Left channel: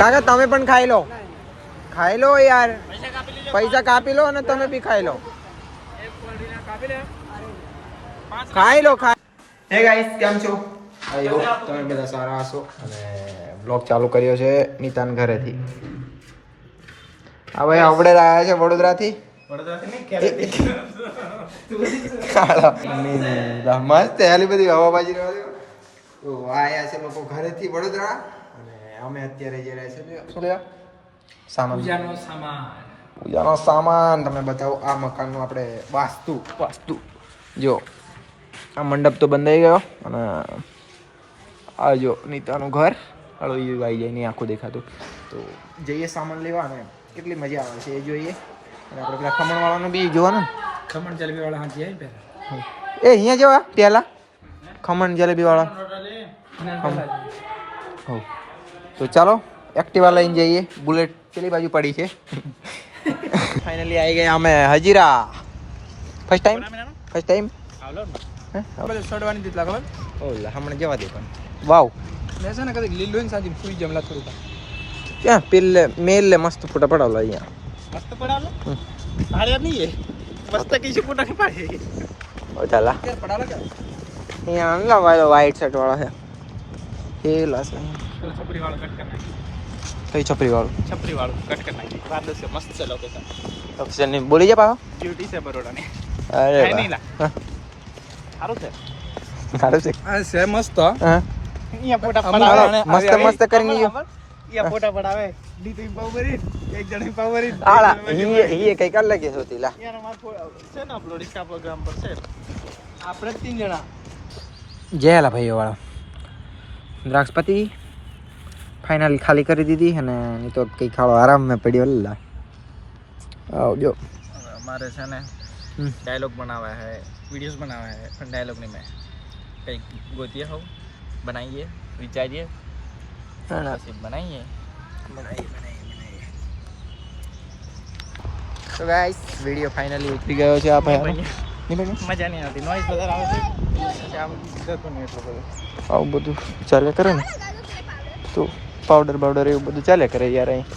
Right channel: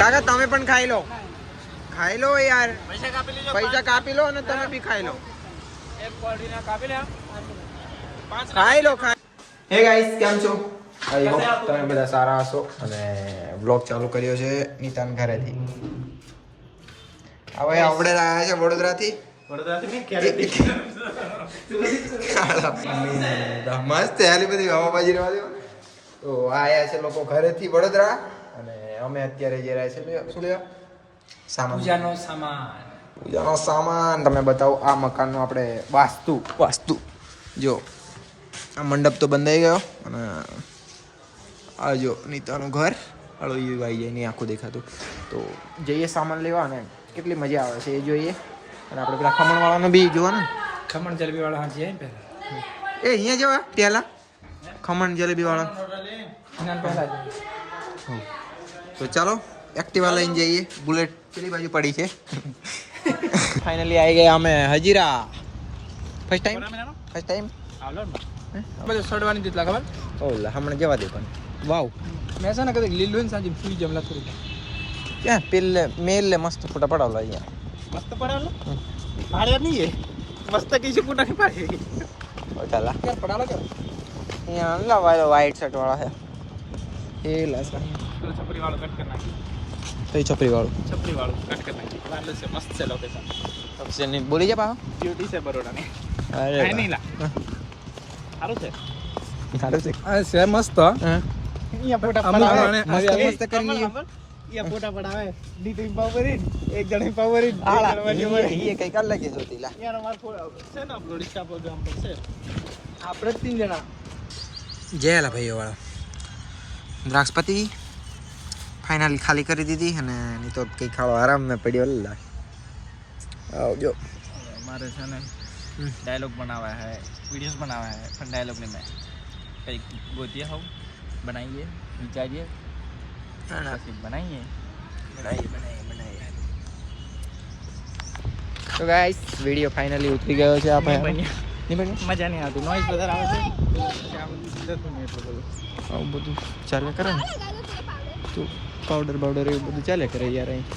કાકા તમે પણ ખાઈ લો યાર, પૈસા કાપી લો અને તમે બી ખાઈ લો. ખાઈ લો. હે ગાઈસ, કેમ છો? આઈ હોપ તમે બધા સારા હશો. અને વ્લોગ ચાલુ કર્યો છે નીતાન ઘરેથી. હવે આપણે આવ્યા છે વડોદરાથી. મસ્ત હેલી બધી હવાબાજી રહેવા દો. તો આયા છે લોકો ઘરેથી વડોદરા અને અમે અત્યારે જઈ રહ્યા છીએ શું લેવા? પૂજાનો સામાન. તમે બતાવો આ મકાનનું આપણે વાસ્તુ જો આ મંડપ તો બંધાઈ ગયો અને આ જો નીતાનું ઘર. હળો એ આવી જાય નહીં આખું દેખાતું. તો જઈએ સામાન લેવા અને કેટલી મજા આવે છે એ જોઈએ. અને આપણે પેલા ખમણ વાળાનું બી જોવાનું. ખમણ જલેબી વાળા હા જાય પેલા એ અહીંયા જવા પેલા ખમણ જલેબી વાળા. તો ચાલો એક્ટિવા લઈને જઈએ. બુલેટ પેલી બાજુ પડી છે. ફાઇનલી આવી ગયા અમે હજીરા. ફર્સ્ટ ટાઈમ બધું સડવાની દીધલા ખબર ઓલા હમણાં જવા દે પણ વાવ મેં છે ને કદી લીલું ને સાજી ફૂઈ જમલા થોડું ક્યાં પેલે મેલ મસ્ત ફોટા પડાવલા અહીંયા મસ્ત પડાલે ભાડે નહીં એ મસ્ત કઈ છે ફોટા કે પાડે ઓ ચાલા કે પડાલે કે અહીંયા આંગલા વાળો વ્હાઈટ શર્ટ વાળો છે એ લાસ છપરી વાળો કટ કરી નાખી કઈ છપરી વાળો કટ કરી નાખી વારલો છે મસ્ત છે લોકેશન ઓપ્શન ની બોલી જા પાછો ડ્યુટી છે બરોડા ની અરે નહીં લા સારું છે આ છે મસ્ત હા અહીંયા ફોટા મસ્ત કરીને અહીંયા ફોટા પડાવે નીતિન પાવરીન એક જણ પાવરીન આલા એ કઈ કર લાગે છે તીલા યાર અમાર છે ને અપલોડ ઇન્સ્ટા પ્રોગ્રામ પર છે આપણે 3 જણા જેલા ભાઈઓ વાળા દ્રાક્ષપતિ ફાઇનલી ખાલી કરી દીધી અને નહીં તો કઈ ખાવા આરામ મેં પડ્યો લા આવજો हमारे છે ને डायलॉग बनावा है वीडियोस बनावा है पर डायलॉग नहीं मैं कई गोतिया हो बनाइए विचारिए बनाइए તો ગાઈસ વિડિયો ફાઇનલી ઉતરી ગયો છે આ ભાઈ મજા નહીં આવતી નોઈઝ વધારે આવે છે આમ જતું નહીં એટલું બધું આવું બધું ચાલે કરે ને તો પાવડર એવું બધું ચાલે કરે યાર અહીં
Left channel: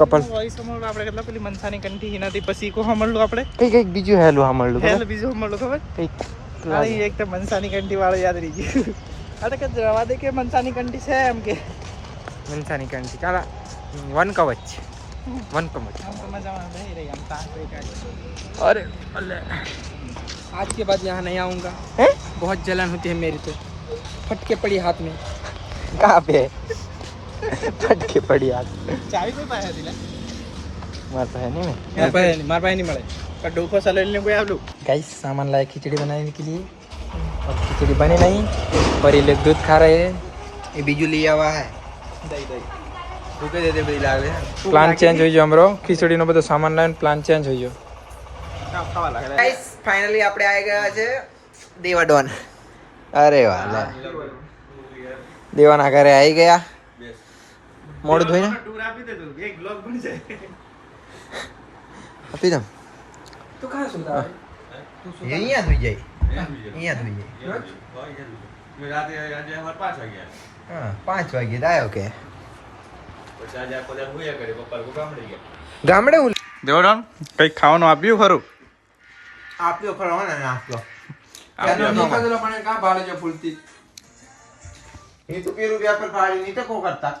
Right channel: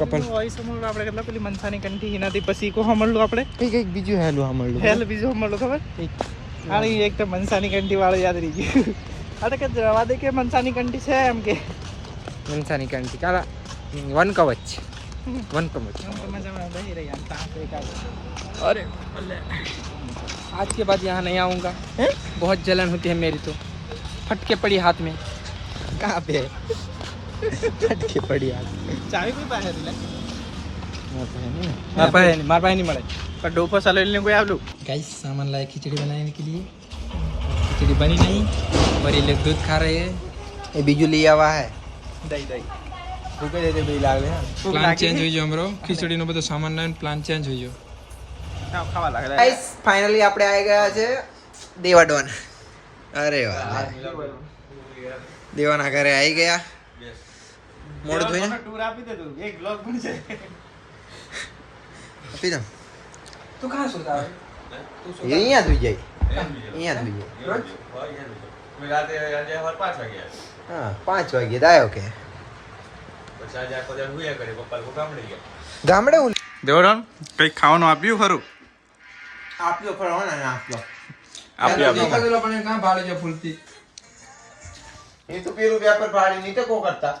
કપલ વોઇસ મળ્યું આપણે કેટલા પેલી મનસાની કંઠી એનાથી પછી કો મળ્યું આપણે કઈક બીજું હેલું સાંભળ્યું બીજું મળ્યું ખબર અરે એક તો મનસાની કંઠી વાળો યાદ રહી ગયું અરે કે જવા દે કે મનસાની કંઠી છે એમ કે મનસાની કંઠી કાલા વન કવચ अरे आज के बाद यहाँ नहीं आऊँगा बहुत जलन होती है मेरी तो फटके पड़ी हाथ में कहाँ पे फटके पड़ी हाथ में चाबी कोई पाया दिला मार पे नहीं मार पाए नहीं मरे पर डोको सलेलने को आप लोग गाइस सामान लाए खिचड़ी बनाने के लिए खिचड़ी बनी नहीं पर ये लोग दूध खा रहे हैं ये बीजू लिया हुआ है પ્લાન ચેન્જ થઈ ગયો અમારો ખીચડીનો બધો સામાન લાવીને પ્લાન ચેન્જ થઈ ગયો ગાઈસ ફાઇનલી આપણે આવી ગયા છે દેવાડોન. અરે વાહ દેવાના ઘરે આવી ગયા. મોડ ધોઈને ટૂર આપી દે તું એક બ્લોગ પણ છે આપી દઉં તું કહાં સુતા અહીંયા ધોઈ જાય હા 5 વાગે આવ્યો કે ગામડે દેવરામ કઈ ખાવાનું આપ્યું ખરું આપ્યો ફળવાના આપ્યો પણ કાં ભાડે જો ફૂલતી એ તો પેલું વ્યાપાર ફાડી નહીં તો કો કરતા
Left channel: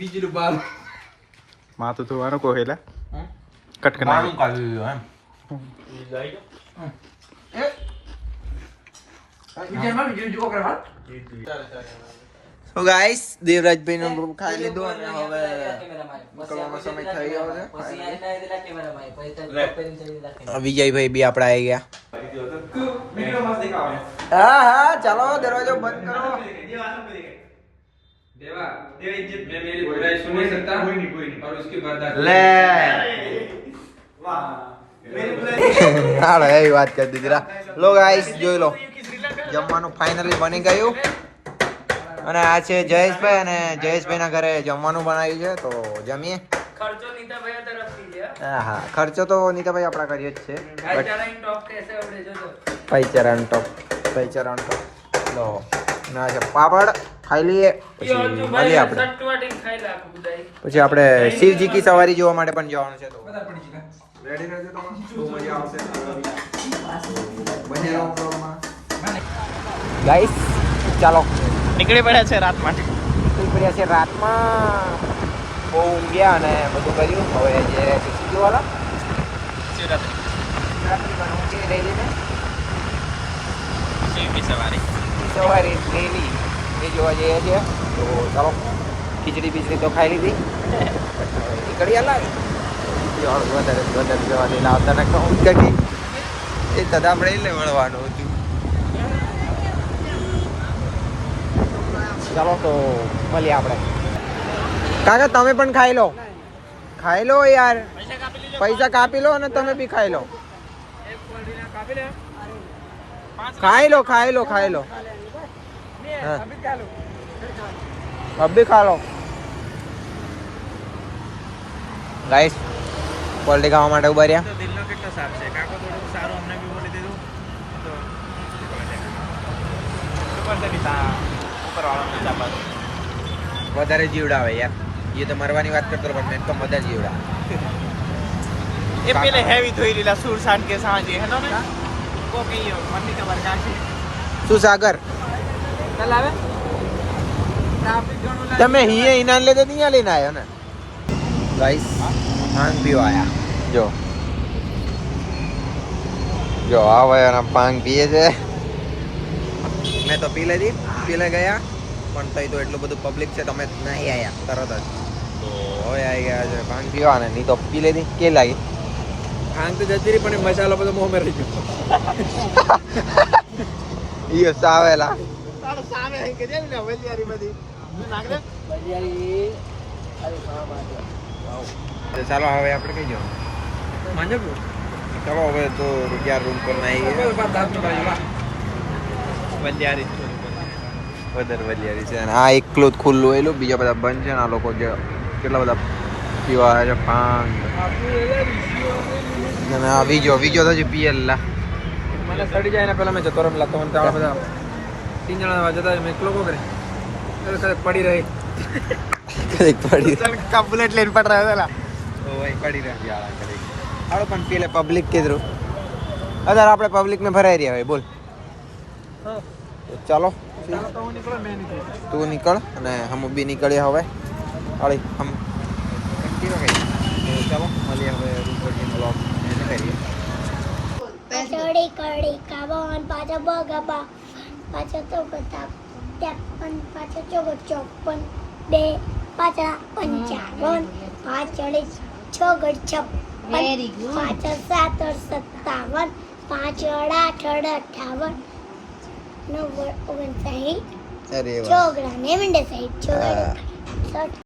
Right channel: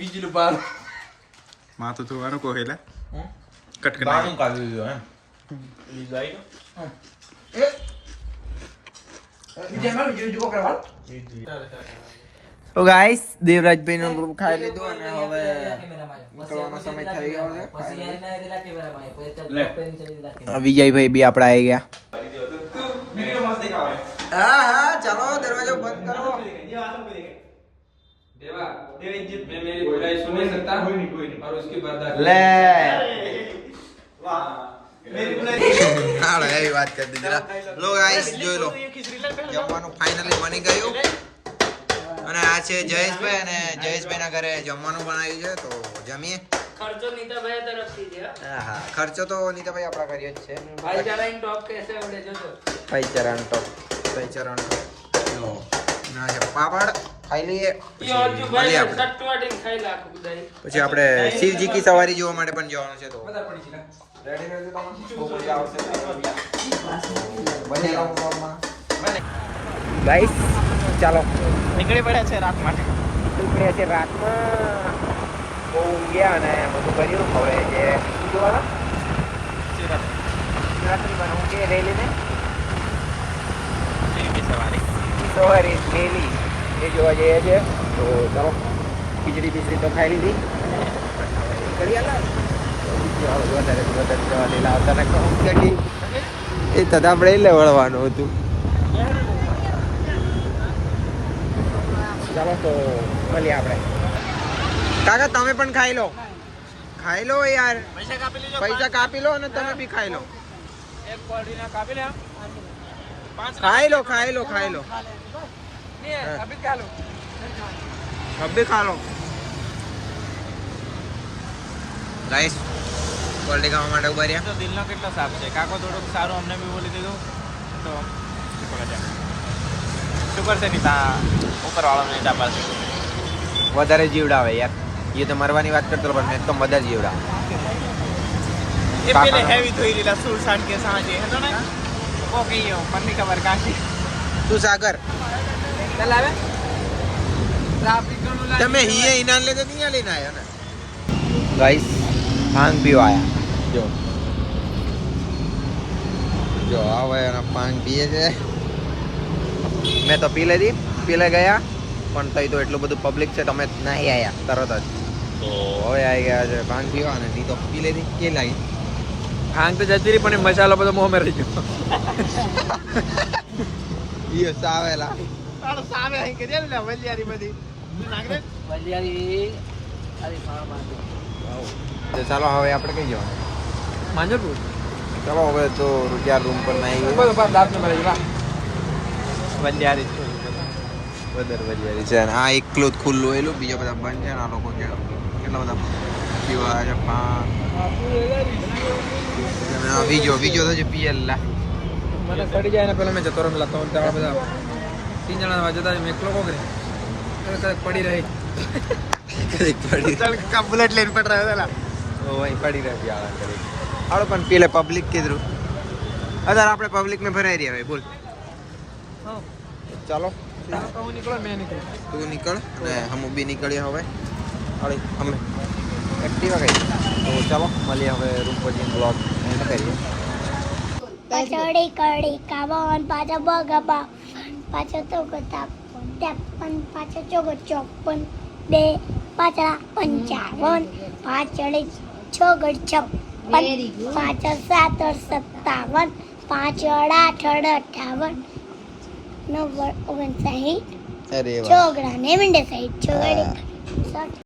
વીજલું બાર માથું ધોવાનું કો હેલા કટ કરી બાનું કાઢી દીધો એમ તો ગાઈસ દેવરાજભાઈ નો ખાઈ લીધો અને હવે નીકળવાનો સમય થઈ ગયો છે. વિજયભાઈ બી આપડા આવી ગયા. હા ચાલો દરવાજો બંધ કરો. देवा देव इज्जत में मेरी बुराई सुन नहीं सकता कोई नहीं और उसकी बर्दाश्त લે હાલો એવી વાત કરી દીધી. લો ગાઈસ જોઈ લો જમવાનું ફાઇનલી બની ગયું અને આ છે જયેશભાઈ અને જયેશભાઈ ના ઘરે જમવાનું બનાવ્યું છે તો જમીએ. खर्चो नीताभाई तरफથી છે હા ખર્ચો તો નીતાભાઈ આપણા કરીએ જ છે. ભાઈચારાની ટોપ કેસે આવડે છે ભાઈચારાનો ટોપ લો ના છે પાપડ ખાઈ લઈએ પછી મળીએ આપણે પછી આપણે શિવજી કી સવારી જોવા માટે પણ જવાનું છે તો રેડી રહેજો તમે બહુ મજા આવશે બને રહો બ્લોગમાં ગાઈસ ચાલો નીકળી પડ્યા છે રાત માટે નીકળી પડ્યા છે રાતમાં બહુ ઊંઘ્યા અને બધું કર્યું હવે જે ટિકિટ જોવાના સવારી રેલી એ જોવા જઈએ છીએ તો ચાલો ખીચડી તો ખાઈ લીધી હવે નીકળી લાગે વધારે જવા દે લાવતા ને કહું એ તો આપણે એટલે વળવાનું હતું ચાલો તો મળીએ આપણે કાકા તમે પણ ખાઈ લો યાર પૈસા કાપી લો અને તમે બી ખાઈ લો ખાઈ લો अब भी खा लो गाइस क्वालिटी खावा માટે ઉભા રહ્યા તો દિલનો કેટલો સાફ છે કાકો થોડુંક સારું અમને બી બોલી દીધું તો નીકળવા જાય સુપર છે નીતા ઉપર વાળો નીતા પાસે વધારે જીવડાવે યાર એ તો મરવાની વાત કરતો પણ મેં તો મદર જીવડા ये पहले हैवी धोई लीला सुरसाट के साथ ये तो नहीं वो की यो मन्नी का वर्काशी શું સાગર चलावे ट्रैफिक गणो તમે હીએ ઇનાન લેતે ત્યાં લઈને આવ્યો ને ગાઈસ ભાંગ પીવા આયા જો આવે અને ભાંગ પીએ છે મેં તો પી લીધી પીલે ગયા પણ તઈ તો એટલું બધું પબ્લિક છે તમે નહીં આયા તરત જ તો હવે આવી ગયા છે ભાંગ પીવા ને નહીં તો પી લીધી કે લાગી भांग तो जती रही पण मसालो બધો મોં માં રહી ગયો ઈ સાવેલા તારો સામે અહીં કે ને વલિયારી બધી નાખ દે વલિયારી અરે તો ચાલો હવે આપણે કઈ જવાનું માંજો તું ચાલો હવે તો રૂપિયા રૂમ પર નાઈ દાંત ને મારી લા વલિયારી વધારે વલિયારી છે અને આ એકલું જ ખુલ્લું એલું બીજા બધા બંધ છે ને આ લોકો જે કેટલા બધા પીવા આવે છે ભાંગ અને આ વીજો તો હજી પીએલા મને ચડી જાય ને પેલા મેં જતો પેલા તો તાળા બધા 3 જણા જતા મેં એકલો કો કરે કદક પડી રહી કદીક પડી કા બુલેટ લઈને પડ રહ્યા ઓ વહી પડી રહી આળા કરી હાલો પણ પીલે પબ્લિક કીધું અધાર આપણે પબ્લિક में ભરાઈ રહ્યા હોય બોલ ચાલો ચાલો તો હું નીકળો મેં નીકળી તું નીકળ અને હમ બી નીકળ્યા હવે હાલી હમ એક્ટિવા ગઈ તો ચાલો મળીએ હવે રૂમ પર જઈને બ્લોગ એને કરીએ પાછળ કડી કાબન પાછળ બગબા પાછળ તો ગતા તેપન પાછળ ચોપન બે પાછળ 55 પાછળ 6 56 પાછળ 7 57 પાછળ 8 58 9 59 અરે વાહ ચોગડા ને મંડે સાઈડ ચોગડી